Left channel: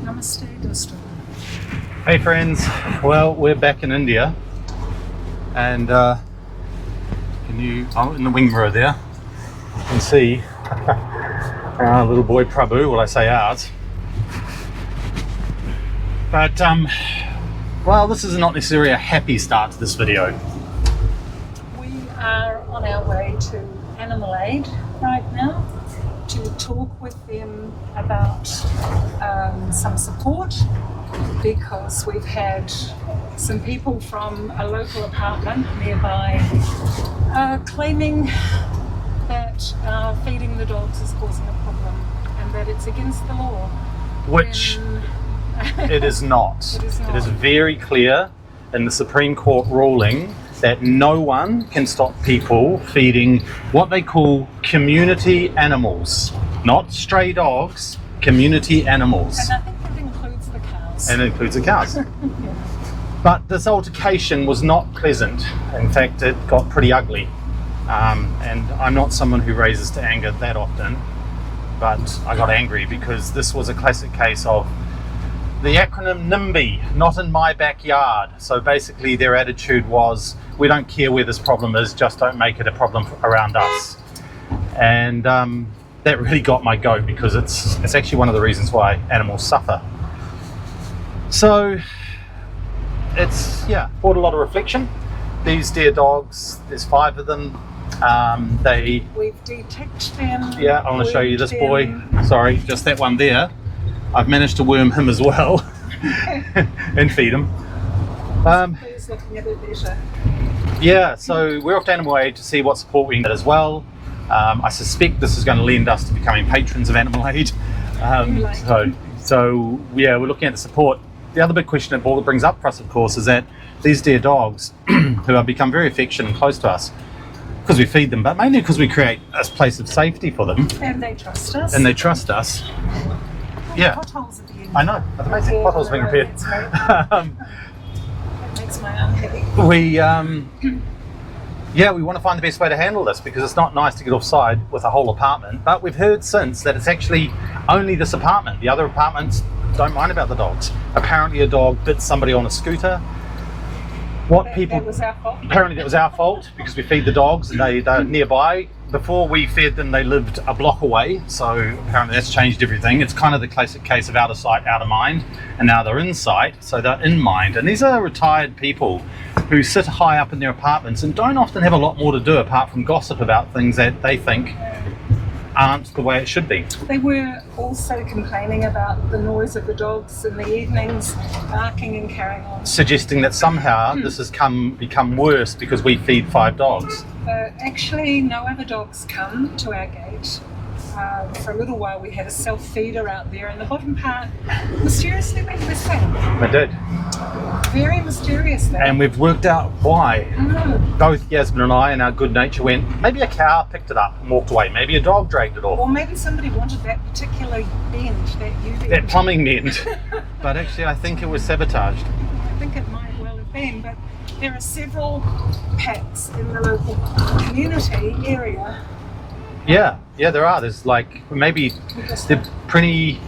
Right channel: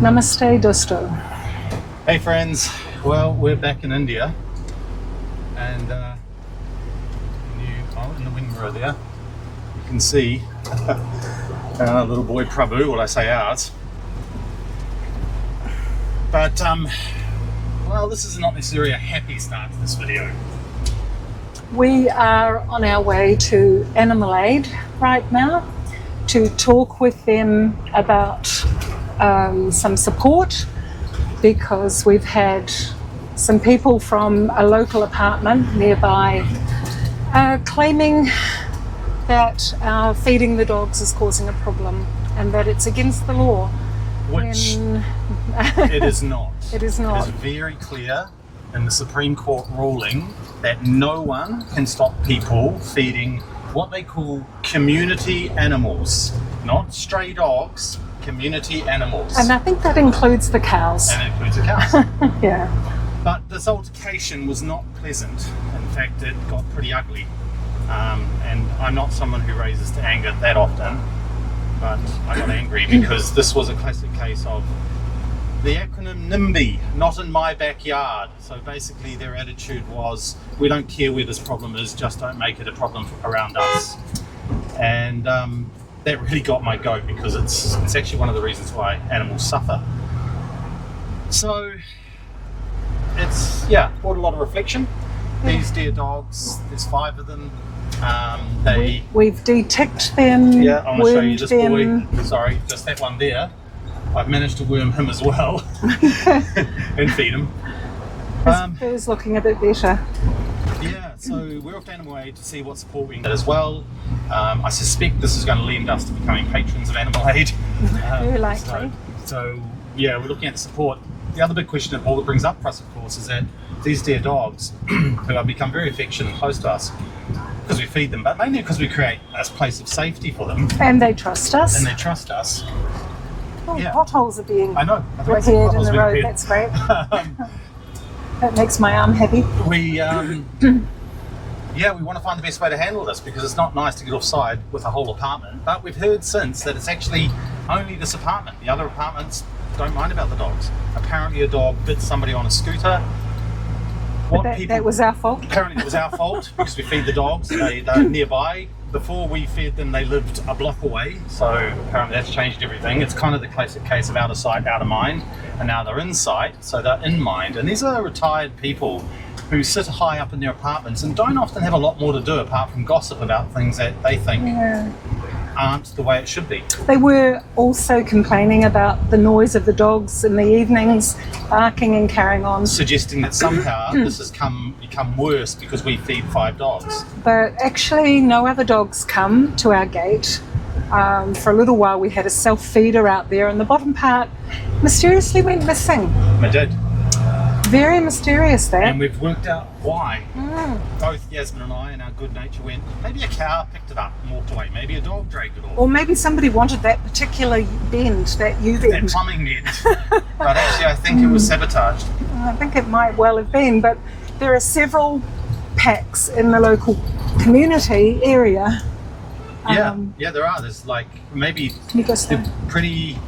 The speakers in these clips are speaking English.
Namaste, Dosto. Hey friends, well we're back in India and in the wing mirror there you can see our little boy Prabhu, well I say ours, but well this is not necessarily a happy start to this video. We are on our way to Animal Aid right now to talk with them about some support, because we've had some people from a local apartment nearby claiming that feeding the dogs is causing a problem and that it's against the law. Which it is not. It is not. It is very clear in the Supreme Court ruling that no one can stop people feeding what they call community animals, not stray dogs, community animals. And I think that includes the cows. And it includes the cows. Yeah. But this altercation was not pleasant. In fact, it got pretty ugly. And I'm not someone who raises to anger that often, but I got angry because this was a classic case of the acronym NIMBY, not in my backyard. So basically their attitude was, we don't care where this problem is, just don't make it a problem around us. And that really got my goat, because it's actually one of the reasons why animals suffer. So it's, brought a lot of reflection. These dear dogs, there's 5 of them. We've de-ticked them. Yeah, I want to show you this boy. Sorry, just that one there. I've managed to worm him as well and feed him. Who's looking a bit better? Yeah, so we're off to Animal Aid to see what support we can get as well. I suspect this is going to lend us to becoming patrons of Animal Aid. So we're looking at the support. The other big question that brings up for us, of course, is that these dear dogs who have become very affectionate and close to us because we feed them, but mainly because we create a place of safety for them. And they trust us. Yeah. Potholes are being I know. repaired in the road. That's great. That makes my arm happy. We want to find the best way to handle this, because it's not nice to get offside with a whole apartment, but we've heard since that it's actually only this apartment. The other apartments don't mind about the dogs. Apparently a dog bit somebody on a scooter. That was our fault? Apparently it was our fault because we feed the dogs. They're nearby. Before we fed them, they lived a block away, so apparently that's changed everything. It's kind of the classic case of out of sight, out of mind, and now they're in sight, so they're in mind. And these are retired people who sit high up in their apartments and don't often have a lot more to do apart from gossip about things that they think aren't the way it should be. They were also complaining about the noise of the dogs in the evenings, barking and carrying on. Suggesting that somehow this has become worse because we feed 5 dogs. But actually no other dogs come to our gate. For a little while we had a self-feeder out there, and the bottom part mysteriously went missing. We did. Very mysterious that. And we've worked out why. Both Yasmeen and I, in our good nature, went, maybe a cow picked it up and walked away. Maybe a dog dragged it off. Or maybe somebody wanted that particular bend, that U-bend. That plumbing bend. But actually I think it was sabotaged. I think it might well have been, but there are several packs in the local community area. Yeah, there are. There's like maybe they're pretty.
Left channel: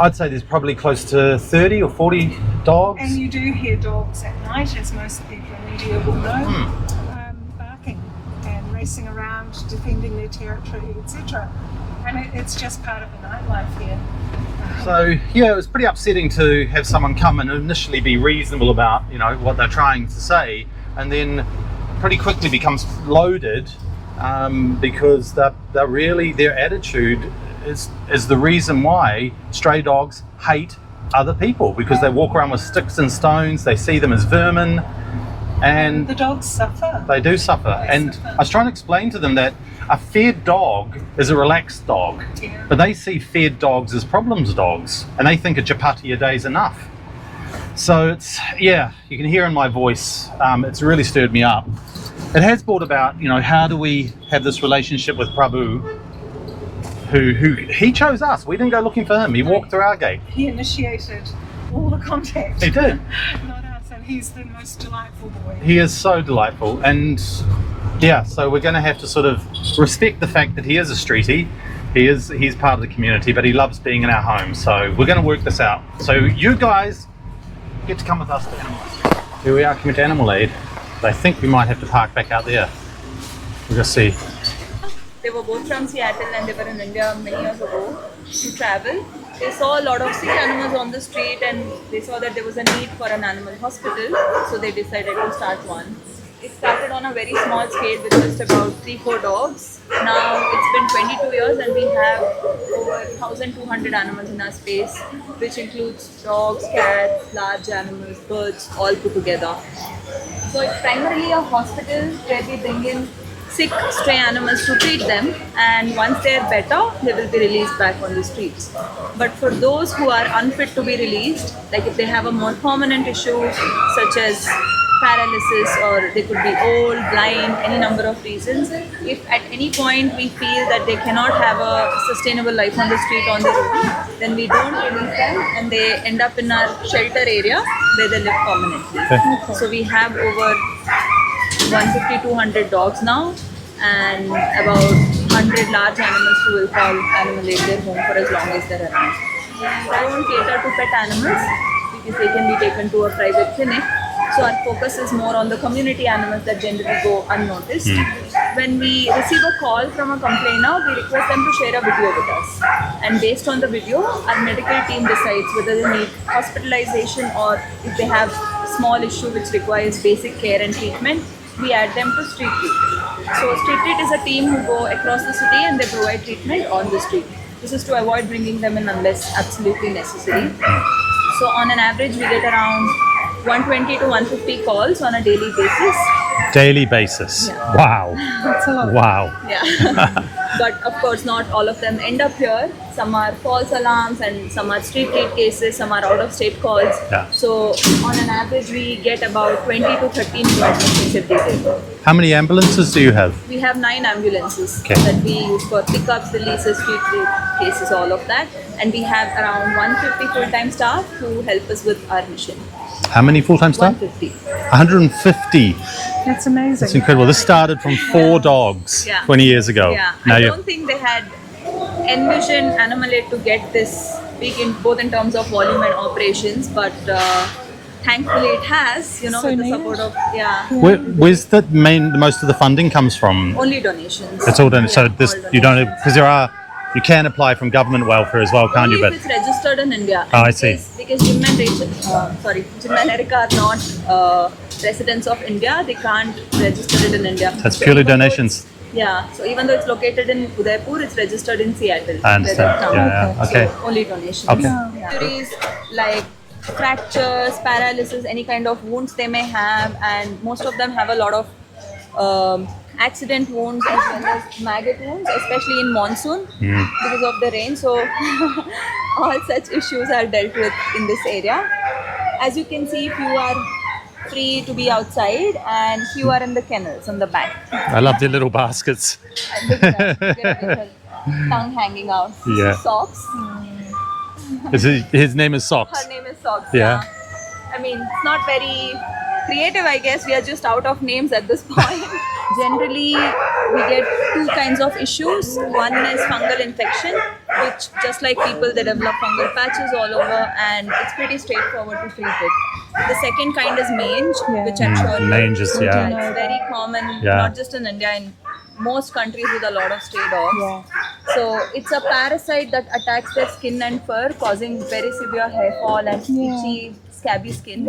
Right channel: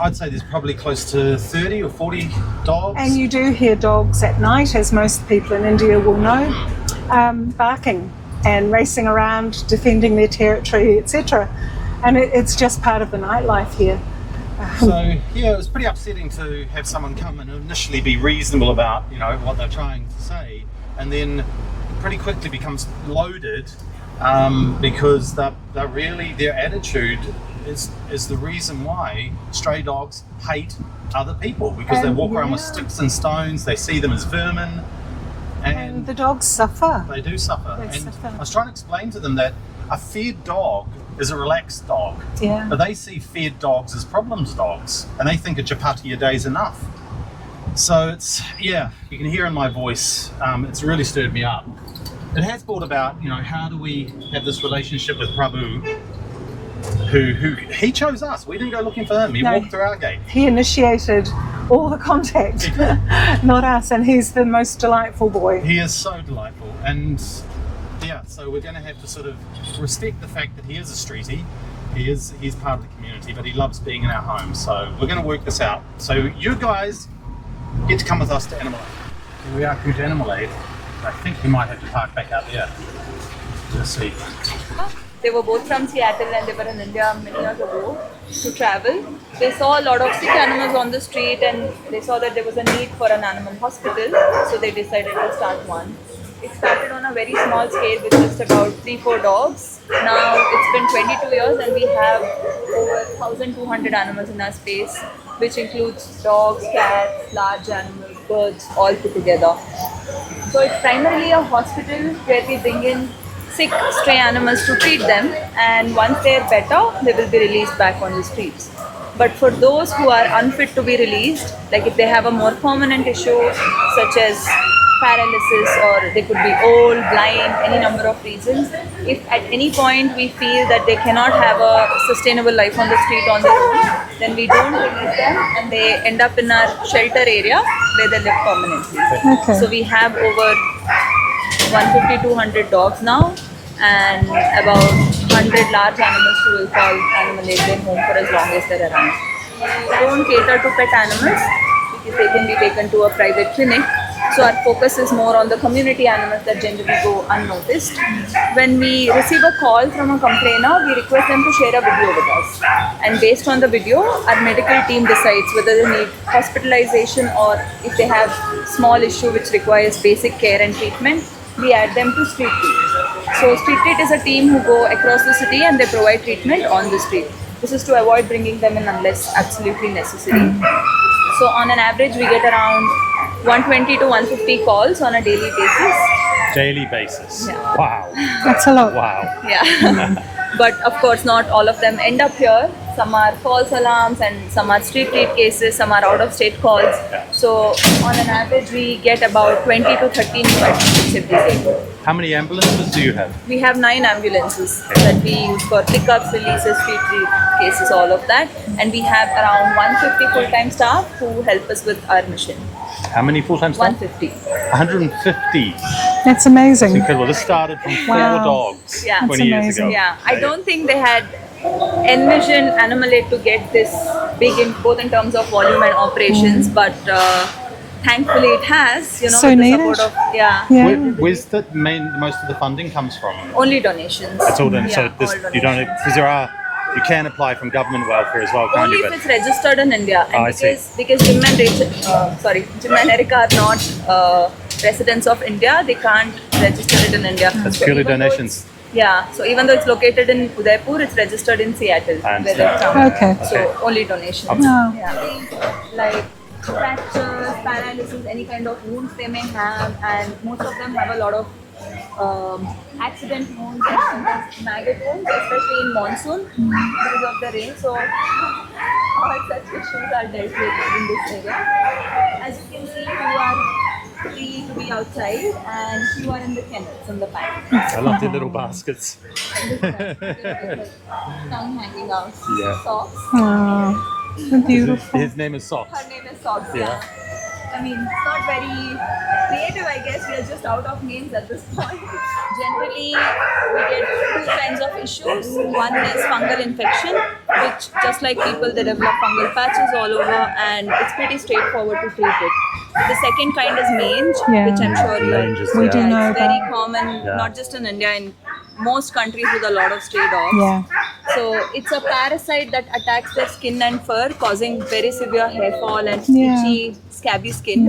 I'd say there's probably close to 30 or 40 dogs. And you do hear dogs at night, as most people in India will know, barking and racing around, defending their territory, etc. And it's just part of the nightlife here. So it was pretty upsetting to have someone come and initially be reasonable about what they're trying to say, and then pretty quickly becomes loaded because they're really, their attitude is the reason why stray dogs hate other people, because they walk around with sticks and stones, they see them as vermin, and the dogs suffer. They do suffer. I was trying to explain to them that a fed dog is a relaxed dog, but they see fed dogs as problems dogs, and they think a chapati a day is enough. So it's, you can hear in my voice, it's really stirred me up. It has brought about, how do we have this relationship with Prabhu, who he chose us. We didn't go looking for him. He walked through our gate. He initiated all the contact. He did. Not us, and he's the most delightful boy. He is so delightful, and so we're going to have to sort of respect the fact that he is a streetie, He's part of the community, but he loves being in our home. So we're going to work this out. So you guys get to come with us to Animal Aid. Here we are coming to Animal Aid. I think we might have to park back out there. We'll just see. They were both from Seattle and they were in India many years ago to travel. They saw a lot of sick animals on the street and they saw that there was a need for an animal hospital, so they decided to start one. It started on a very small scale with just about 3-4 dogs. Now it's been 22 years and we have over 1,200 animals in our space, which includes dogs, cats, large animals, birds, all put together. So it's primarily a hospital where we bring in sick stray animals to treat them, and once they're better, they will be released back on the streets. But for those who are unfit to be released, like if they have a more permanent issue such as paralysis, or they could be old, blind, any number of reasons, if at any point we feel that they cannot have a sustainable life on the street on their own, then we don't release them and they end up in our shelter area where they live permanently. Okay. So we have over 150-200 dogs now and about 100 large animals who will call Animal Aid their home for as long as they're around. We don't cater to pet animals because they can be taken to a private clinic. So our focus is more on the community animals that generally go unnoticed. When we receive a call from a complainer, we request them to share a video with us. And based on the video, our medical team decides whether they need hospitalization or if they have small issue which requires basic care and treatment, we add them to Street Treat. So Street Treat is a team who go across the city and they provide treatment on the street. This is to avoid bringing them in unless absolutely necessary. So on an average, we get around 120 to 150 calls on a daily basis. Daily basis. Yeah. Wow. That's a lot. Wow. Yeah. But of course, not all of them end up here. Some are false alarms and some are street treat cases, some are out of state calls. Yeah. So on an average, we get about 20 to 30 new admissions every day. How many ambulances do you have? We have 9 ambulances Okay. that we use for pickups, releases, street treat cases, all of that. And we have around 150 full-time staff who help us with our mission. How many full-time staff? 150. 150. That's amazing. It's incredible. This started from 4 dogs Yeah. 20 years amazing. ago. Yeah, Now I you- don't think they had envisioned Animal Aid to get this big in both in terms of volume and operations, but thankfully it has, you know, So with the needed. support of, yeah, Where's the most of the funding comes from? only donations. It's all done. So Yeah, this all you don't, donations. because you can apply from government welfare as well, can't Only you? if But it's registered in India. Oh, And I see. because Jim and Jim and Erica are not residents of India, they can't register it in India. it's So purely even though donations. Yeah, so even though it's located in Udaipur, it's registered in Seattle. I where they're understand. from. Yeah, Okay. okay. So only donations. Okay. Yeah. Yeah. These, like fractures, paralysis, any kind of wounds they may have, and most of them have a lot of accident wounds as well as maggot wounds, especially in monsoon because of the rain. So all such issues are dealt with in this area. As you can see, few are free to be outside and few are in the kennels on the back. I love their little baskets. Look at that. Look at the tongue hanging out. Yeah. Socks. Oh, His name is Socks. Her name is Socks. Yeah. I mean, it's not very creative, I guess. We are just out of names at this point. Generally, we get 2 kinds of issues. One is fungal infection, which just like people, they develop fungal patches all over, and it's pretty straightforward to treat it. The second kind is mange, Yeah. which I'm sure Mange is, We do yeah. know it's very that. common, Yeah. not just in India, in most countries with a lot of stray dogs. Yeah. So it's a parasite that attacks their skin and fur, causing very severe hair fall and Yeah. itchy, scabby skin.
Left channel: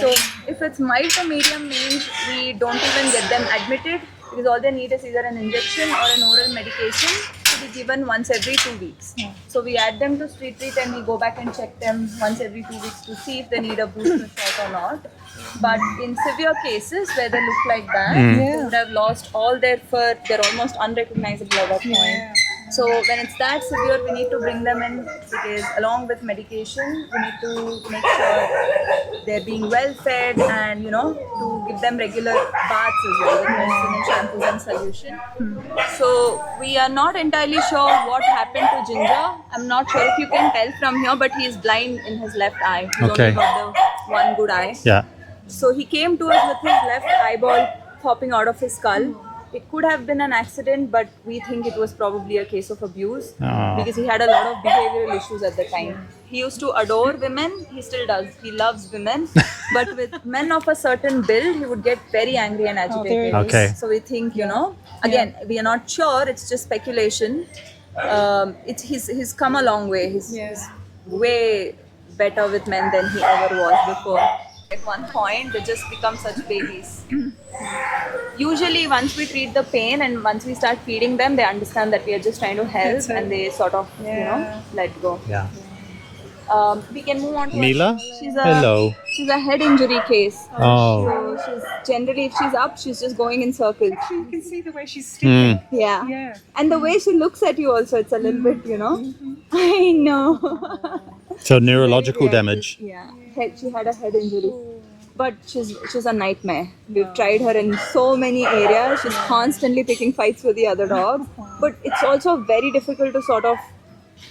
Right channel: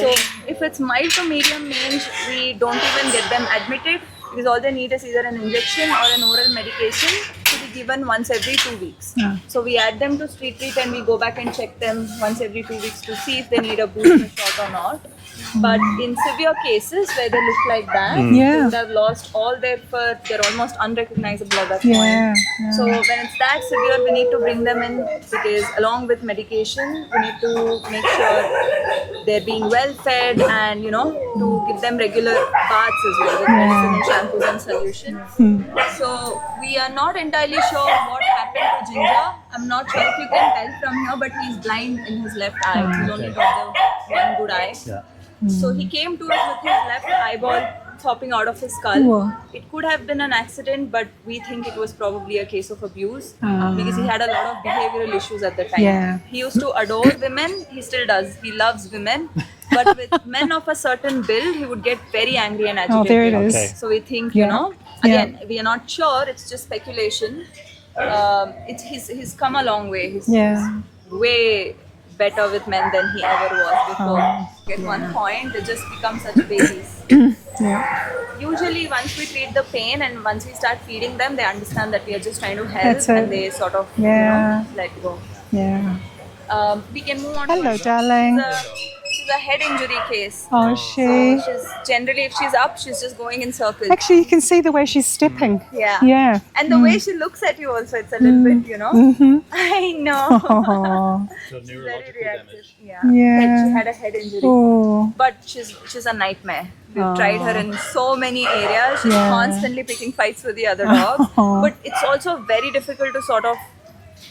So if it's mild to medium mange, we don't even get them admitted because all they need is either an injection or an oral medication to be given once every 2 weeks. Yeah. So we add them to street treat and we go back and check them once every 2 weeks to see if they need a booster shot or not. But in severe cases where they look like that, they Yeah. would have lost all their fur. They're almost unrecognizable at that Yeah. point. Yeah. So when it's that severe, we need to bring them in because along with medication, we need to make sure they're being well fed and, to give them regular baths as well with medicine and shampoos and solutions. So we are not entirely sure what happened to Ginger. I'm not sure if you can tell from here, but he is blind in his left eye. He's Okay. only got the one good eye. Yeah. So he came to us with his left eyeball teeth hopping out of his skull. Whoa. It could have been an accident, but we think it was probably a case of abuse because he had a lot of behavioral issues at the time. Yeah. He used to adore women. He still does. He loves women. But with men of a certain build, he would get very angry and agitated. Oh, there it is. Okay. So we think, Yeah. again, we are not sure. It's just speculation. He's come a long way. He's way better with men than he ever was before. At one point, they just become such babies. Usually, once we treat the pain and once we start feeding them, they understand that we are just trying to help. That's it. And they sort of let go. Yeah. We can move on to Hello, Leela? darling. Hello. She's a head injury case. Oh, She's generally, if she's up, she's just going in circles. Actually, you can see the way she's stepping. Yeah. Yeah. And the way she looks at you also, it's a little bit, I know. Oh. So neurological damage. Yeah. Yeah. She had a head injury. Oh. But she's a nightmare. We've tried her in so many areas. She's constantly picking fights with the other dogs. But it's also very difficult to sort of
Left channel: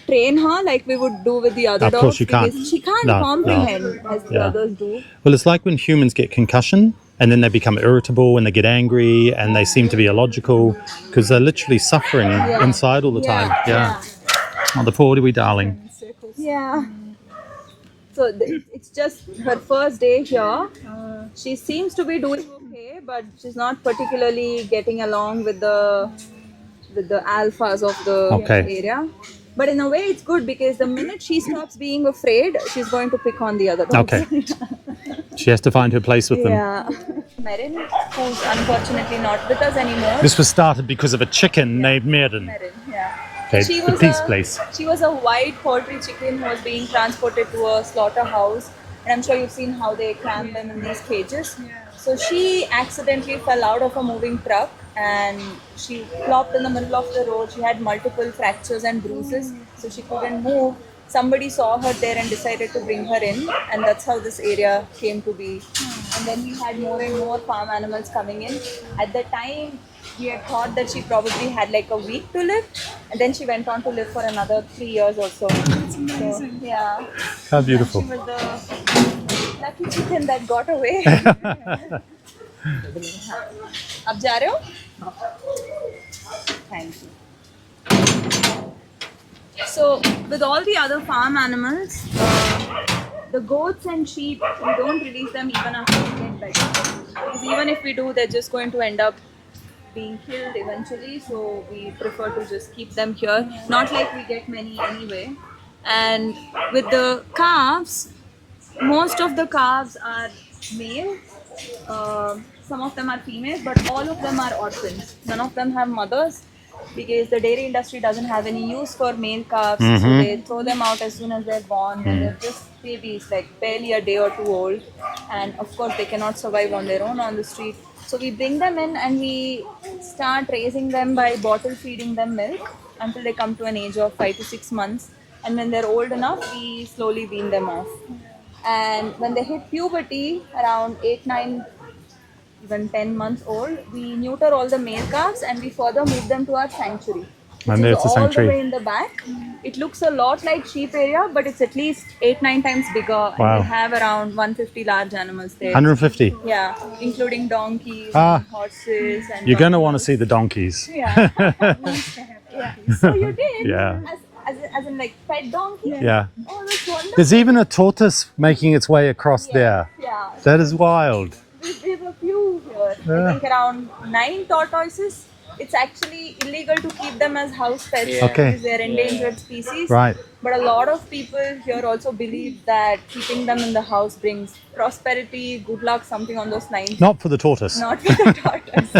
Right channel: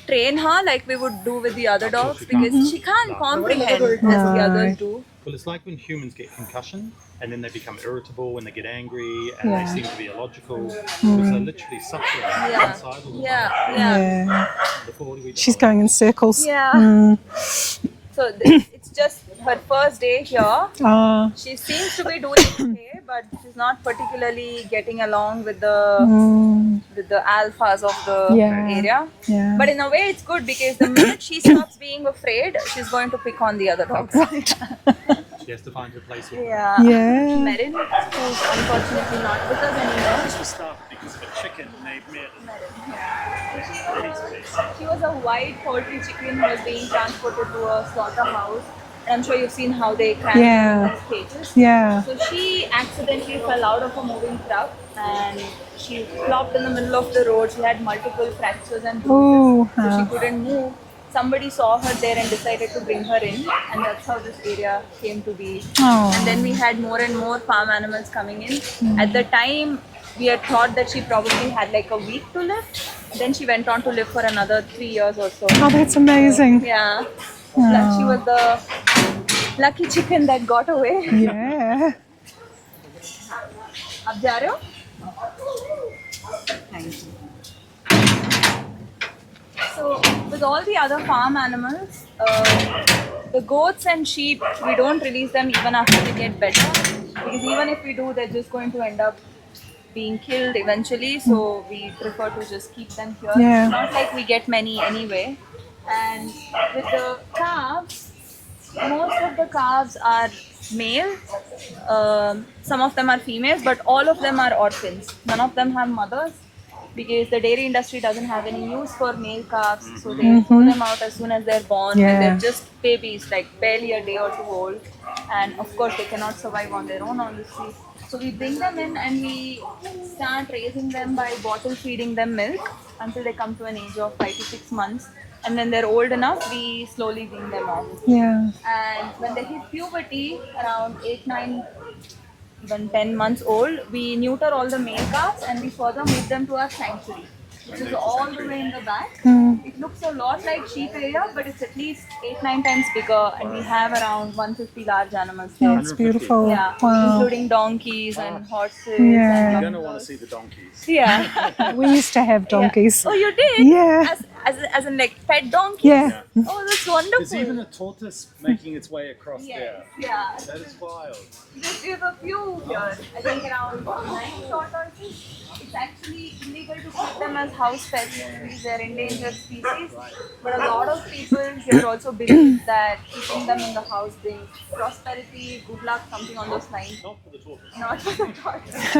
train her like we would do with the other Of dogs. course you can't. Because she can't No. comprehend as the others do. Well, it's like when humans get concussion and then they become irritable and they get angry and they seem to be illogical because they're literally suffering inside all the time. Yeah. Oh, the poor wee She's darling. going in circles. Yeah. So it's just her first day here. Oh. She seems to be doing okay, but she's not particularly getting along with the alphas of the Okay. area. Yeah. But in a way, it's good because the minute she stops being afraid, she's going to pick on the other dogs. Okay. She has to find her place with them. Yeah. Yeah. Merin, who's unfortunately not with us anymore. This was started because of a chicken named Merin. Merin, yeah. Okay, She the was peace a- place. She was a white poultry chicken who was being transported to a slaughterhouse. And I'm sure you've seen how they can in these cages. Yeah. So she accidentally fell out of a moving truck and she flopped in the middle of the road. She had multiple fractures and bruises, Ooh, so she couldn't move. Somebody saw her there and decided to bring her in, and that's how this area came to be. Oh. And then we had more and more farm animals coming in. At the time, we had thought that she probably had like a week to live, and then she went on to live for another 3 years or so. Oh, that's amazing. Yeah. How She beautiful. was the lucky chicken that got away. Yeah. अब जा रहे हो? Thank you. So with all the other farm animals, the goats and sheep, we don't release them even after they get better, because even if we do, they're just going to end up being killed eventually. So we prefer to just keep them here. Yeah. Not like we get many anyway. And with the calves, most of the calves are male. Some of them are females, but all of them are orphans. None of them have mothers, because the dairy industry doesn't have any use for male calves. So they throw them out as soon as they're born, when they're just babies, like barely a day or two old. And of course, they cannot survive on their own on the street. So we bring them in and we start raising them by bottle feeding them milk until they come to an age of 5 to 6 months. And when they're old enough, we slowly wean them off. Yeah. And when they hit puberty, around 8, 9, even 10 months old, we neuter all the male calves and we further move them to our sanctuary. And Which there's is the all sanctuary. the way in the back. It looks a lot like sheep area, but it's at least 8, 9 times bigger. Wow. And we have around 150 large animals there. 150. Beautiful. Yeah, Wow. including donkeys Ah. and horses. Yeah. And You're going to want to see the donkeys. yeah. We used to have donkeys. Oh, you did? Yeah. As in like pet donkey? Yeah. Yeah. Oh, that's wonderful. There's even a tortoise making its way across Yeah. there. Yeah. That is wild. We have a few here. I think around 9 tortoises. It's actually illegal to keep them as house pets Okay. because they're endangered species. Right. But a lot of people here also believe that keeping them in the house brings prosperity, good luck, something on those lines. Not for the tortoise. Not for the tortoise.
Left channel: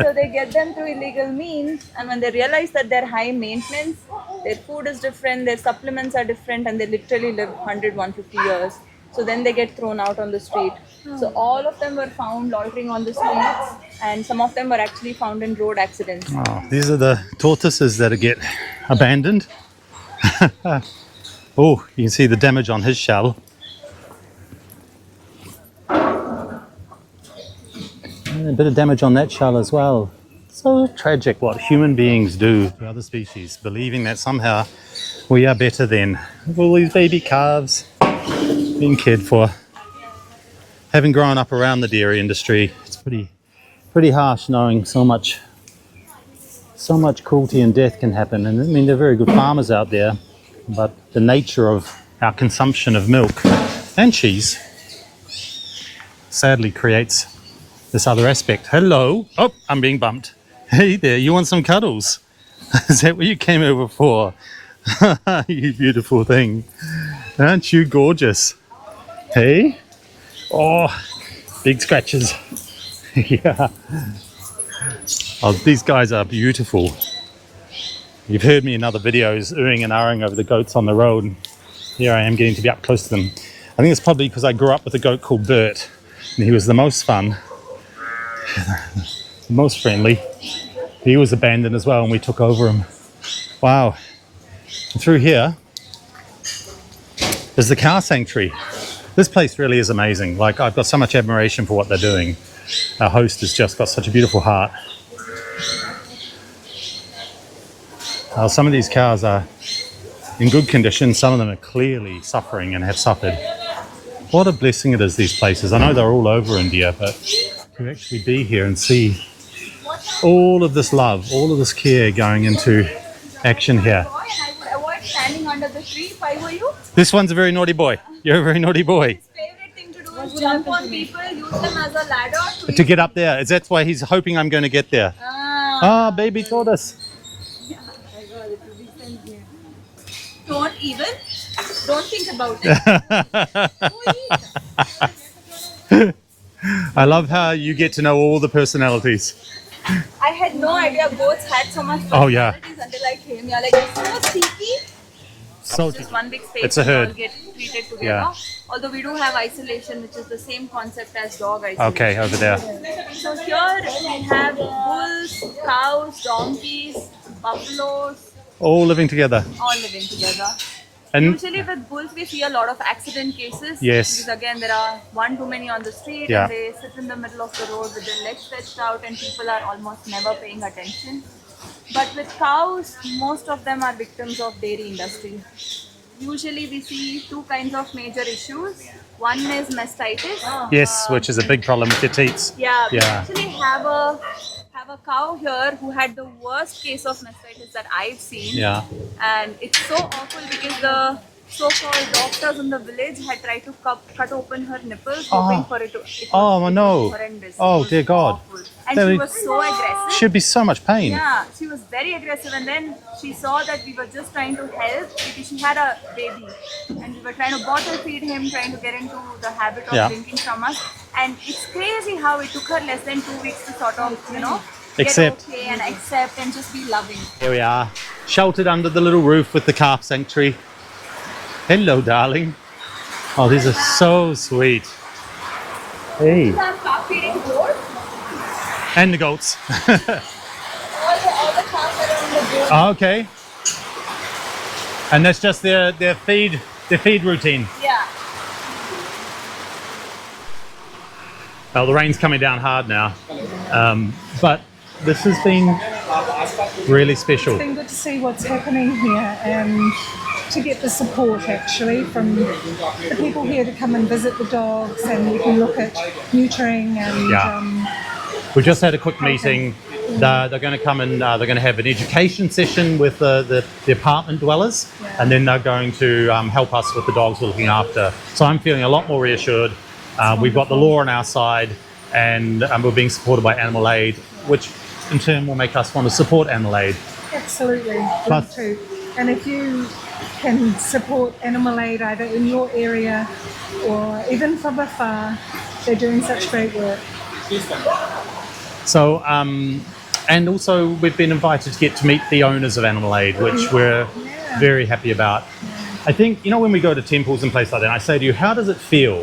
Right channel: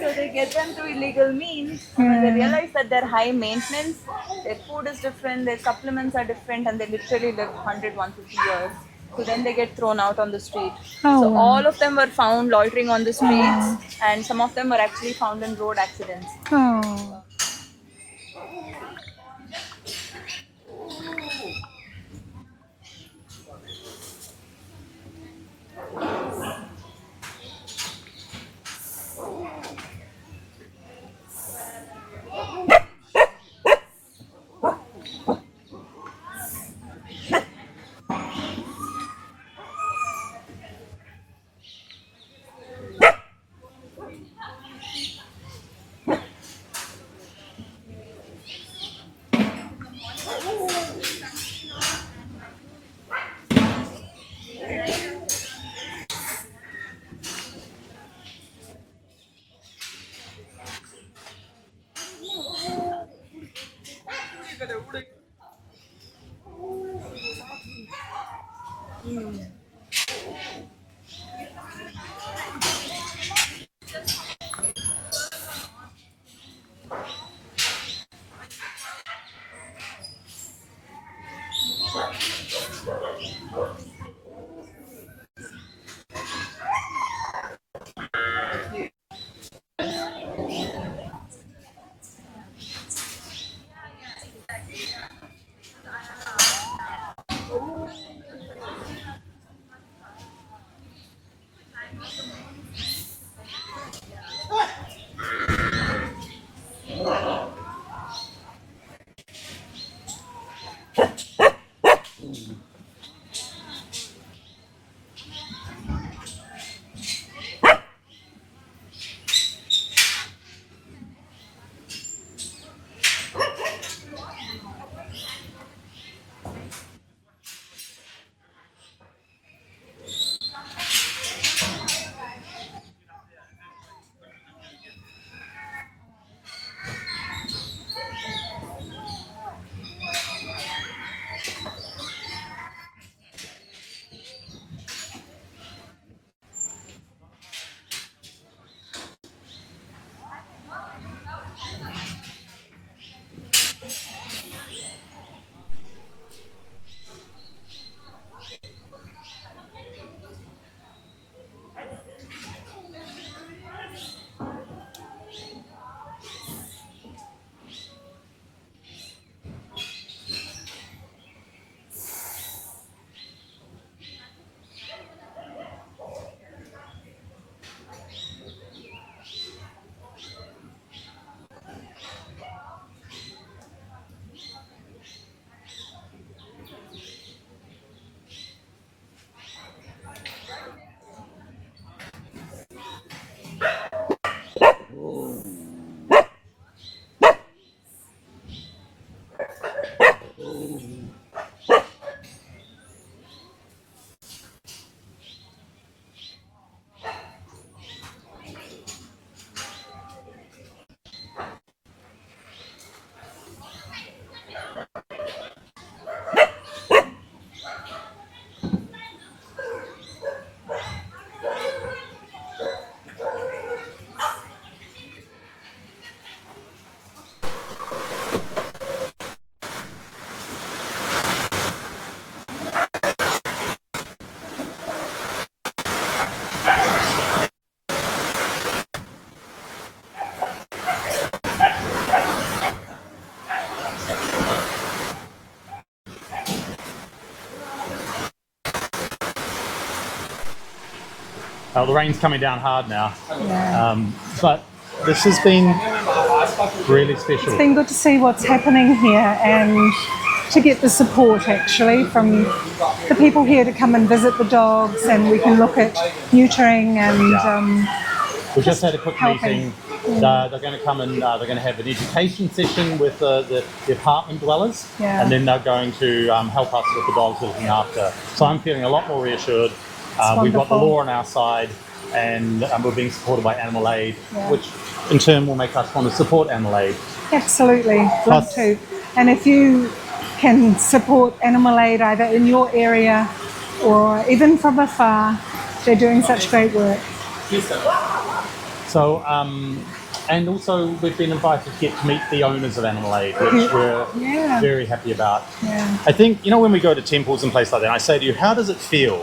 So they get them through illegal means, and when they realize that they're high maintenance, their food is different, their supplements are different, and they literally live 100, 150 years. So then they get thrown out on the street. Oh, So wow. all of them were found loitering on the streets, and some of them were actually found in road accidents. Oh, these are the tortoises that get abandoned. Oh, you can see the damage on his shell. And a bit of damage on that shell as well. So tragic what human beings do to other species, believing that somehow we are better than all these baby calves being cared for. Having grown up around the dairy industry, it's pretty pretty harsh knowing so much cruelty and death can happen. And I mean, they're very good farmers out there, but the nature of our consumption of milk and cheese sadly creates this other aspect. Hello. Oh, I'm being bumped. Hey there, you want some cuddles? Is that what you came over for? You beautiful thing. Aren't you gorgeous? Hey? Oh, big scratches. Yeah. Oh, these guys are beautiful. You've heard me in other videos oohing and ahhing over the goats on the road. Here I am getting to be up close to them. I think it's probably because I grew up with a goat called Bert, and he was the most fun, the most friendly. He was abandoned as well, and we took over him. Wow. And through here is the cow sanctuary. This place really is amazing. Like, I've got so much admiration for what they're doing. Our host has just got such a beautiful heart. Some of these cows are in good condition. Some of them are clearly suffering and have suffered. What a blessing it is, these places. I know they're all over India, but to actually be here and see all of this love, all of this care going into action here. Avoid standing under the tree if I were you. This one's a very naughty boy. You're a very naughty boy. His favorite thing to do is jump on people, use them as a ladder To get up there. That's why he's hoping I'm going to get there. Ah, baby tortoise. Don't think about it. I love how you get to know all the personalities. I had no idea goats had so much Oh, yeah. personalities until I came here. Like, it's so cheeky. So It's just one big space. It's a we all herd. get treated together. Yeah. Although we do have isolation, which is the same concept as dog isolation. Okay, over there. So here we have bulls, cows, donkeys, buffaloes, All living together. all living together. And Usually with bulls we see a lot of accident cases. Yes. Because again there are one too many on the street Yeah. and they sit in the middle of the road with their legs stretched out and people are almost never paying attention. But with cows, most of them are victims of dairy industry. Usually we see two kinds of major issues. One is mastitis. yes, which is a big problem with your teats. Yeah, we Yeah. actually have a cow here who had the worst case of mastitis that I've seen. Yeah. And it's so awful because the so-called doctors in the village had tried to cut open her nipples, hoping for it to. Oh, no. Horrendous. Oh, It was dear God. awful. And That she would- was so aggressive. Should be so much pain. Yeah, she was very aggressive, and then she saw that we were just trying to help because she had a baby, and we were trying to bottle feed him, trying to get into the habit of Yeah. drinking from us. And it's crazy how it took her less than 2 weeks to sort of, Accept. get okay and accept and just be loving. Here we are, sheltered under the little roof with the calf sanctuary. Hello, darling. Oh, these are so sweet. Hey. And the goats. Oh, okay. And that's just their feed routine. Yeah. Well, the rain's coming down hard now. But this has been really special. It's been good to see what's happening here and to get the support actually from the people here to come and visit the dogs, and we can look at neutering and We just had a quick Helping. meeting. They're going to come and they're going to have an education session with the apartment dwellers, Yeah. and then they're going to help us with the dogs we're looking after. So I'm feeling a lot more reassured. We've got the wonderful. law on our side, and we're being supported by Animal Aid, which in turn will make us want to support Animal Aid. absolutely love Plus- to. And if you can support Animal Aid either in your area or even from afar, they're doing such great work. So, and also we've been invited to get to meet the owners of Animal Aid, which we're Yeah. very happy about. Yeah. I think, when we go to temples and places like that, and I say to you, how does it feel?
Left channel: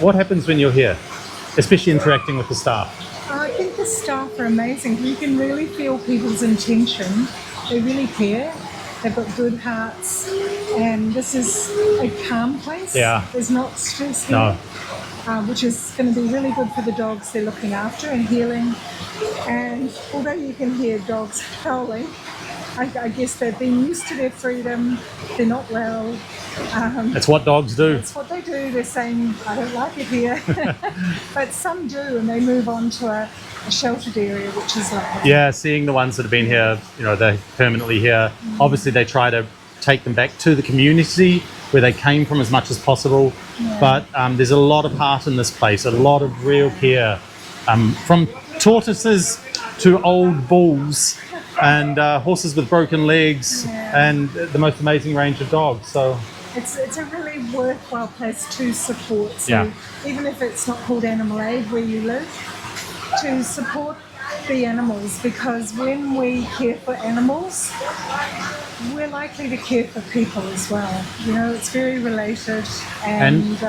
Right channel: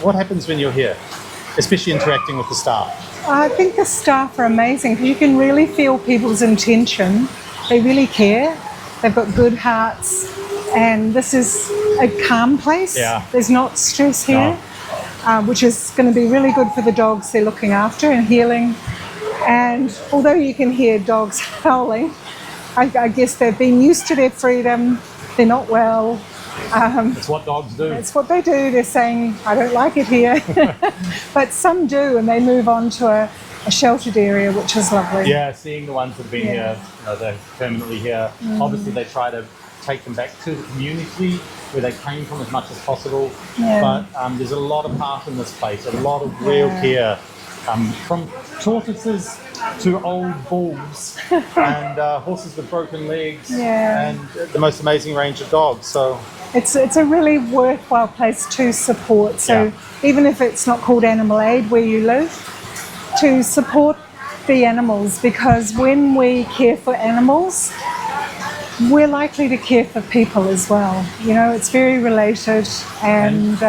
What happens when you're here, especially interacting with the staff? I think the staff are amazing. You can really feel people's intention. They really care. They've got good hearts. And this is a calm place. Yeah. There's not stress here, which is going to be really good for the dogs they're looking after and healing. And although you can hear dogs howling, I guess they've been used to their freedom. They're not well. It's what dogs do. It's what they do. They're saying, I don't like it here. But some do, and they move on to a sheltered area, which is lovely. Yeah, seeing the ones that have been here, they're permanently here. Obviously, they try to take them back to the community where they came from as much as possible. Yeah. But there's a lot of heart in this place, a lot of real care. From tortoises to old bulls and horses with broken legs and the most amazing range of dogs. So it's a really worthwhile place to support. So even if it's not called Animal Aid where you live, to support the animals, because when we care for animals, we're likely to care for people as well. It's very related, and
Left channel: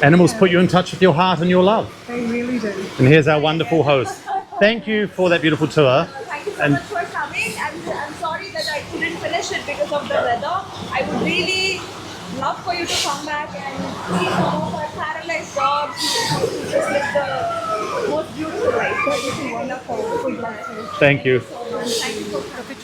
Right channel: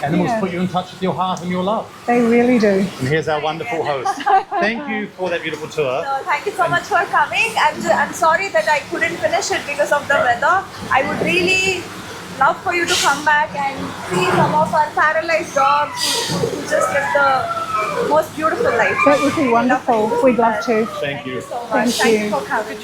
animals put you in touch with your heart and your love. They really do. And here's our wonderful host. Thank you for that beautiful tour. Thank you so much for coming. I'm sorry that I couldn't finish it because of the weather. I would really love for you to come back and see some of our paralyzed dogs who just live the most beautiful life. That would be wonderful. We'd love to. Thank you. So much. Thank you for coming.